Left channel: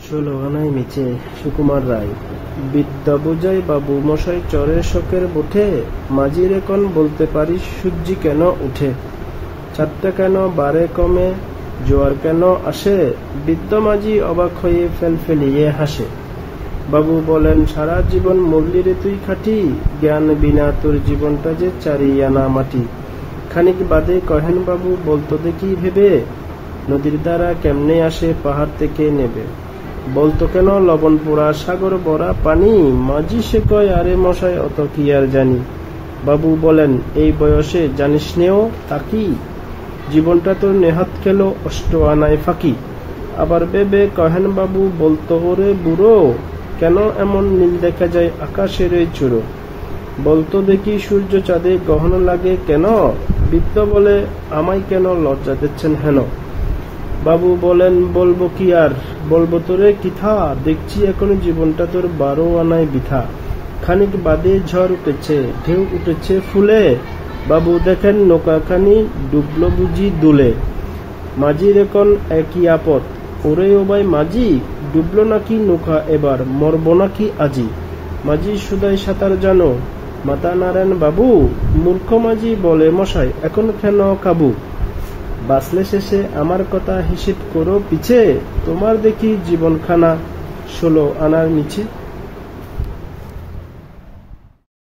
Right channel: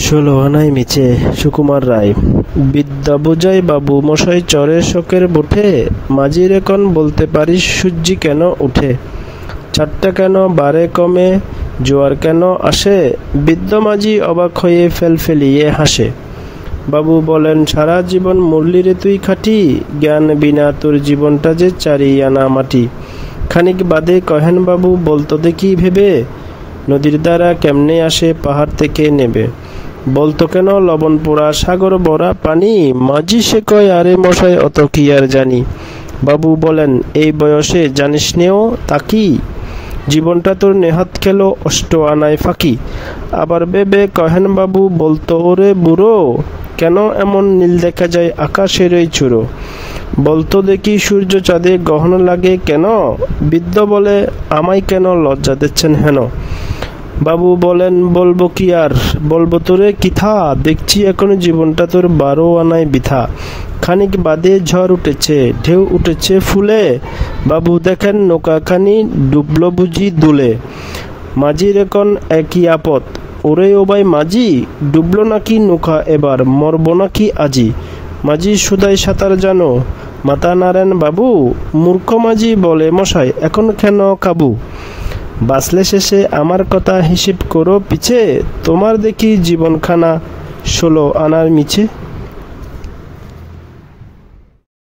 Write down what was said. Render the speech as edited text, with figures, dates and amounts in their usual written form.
ষোলো আনাই মিছে। সুকুমার রায়। বিদ্যা বোঝাই বাবু মশাই চরে শোকের বুঠে, মাঝির এখন বলতে পারিস সূর্যি কেন উঠে, চারটা কেন বারে কমে, জোয়ার কেন আসে, বৃদ্ধ মাঝি অবাক হয়ে ফেলিয়ে হাসে। বাবু বলেন, সারা জীবন মরলি রে তুই খাটি, জ্ঞান বিনা তোর জীবনটা যে চারি আনা মাটি। খানিক বাদে কহেন বাবু, বলতো দেখি ভেবে, নদীর দ্বারা কেমনে আসে পাহাড় থেকে নেবে, বলতো কেন লবণ পোড়া সাগর ভরা পানি, মাঝি সে কয়, আরে মশাই অত কি আর জানি। বাবু বলেন, এই বয়সে জানিস নেও তাকি, জীবনটা তোর নেহাত খেলো অষ্ট আনায় ফাঁকি। আবার ভেবে কহেন বাবু, বলতো ওরে বুড়ো, কেন এমন নীল দেখা যায় আকাশের ওই চূড়ো, বলতো দেখি সূর্য চাঁদে গহন লাগে কেন, বৃদ্ধ বলে, আমায় কেন লজ্জা দিচ্ছেন হেন। বাবু বলেন, বলবো কি আর, বলবো তোরে কিথা, দেখছি এখনো জীবনটা তোর 12 আনায় বৃথা। খানিক বাদে ঝড় উঠেছে, ঢেউ উঠেছে ফুলে, বাবু দেখেন নৌকাখানি ডুবলো বুঝি দুলে। মাঝির এখন একই আপদ, ওরে ও ভাই মাঝি, ডুবলো নাকি নৌকা এবার, মরবো নাকি আজি। মাঝি সুদাই সাঁতার জানো, মাথা নাড়েন বাবু, মূর্খ মাঝি বলে, মশাই এখন কেন কাবু, বাঁচলে শেষে আমার কথা হিসেব করো পিছে, তোমার দেখি জীবনখানা 16 আনার মিছে।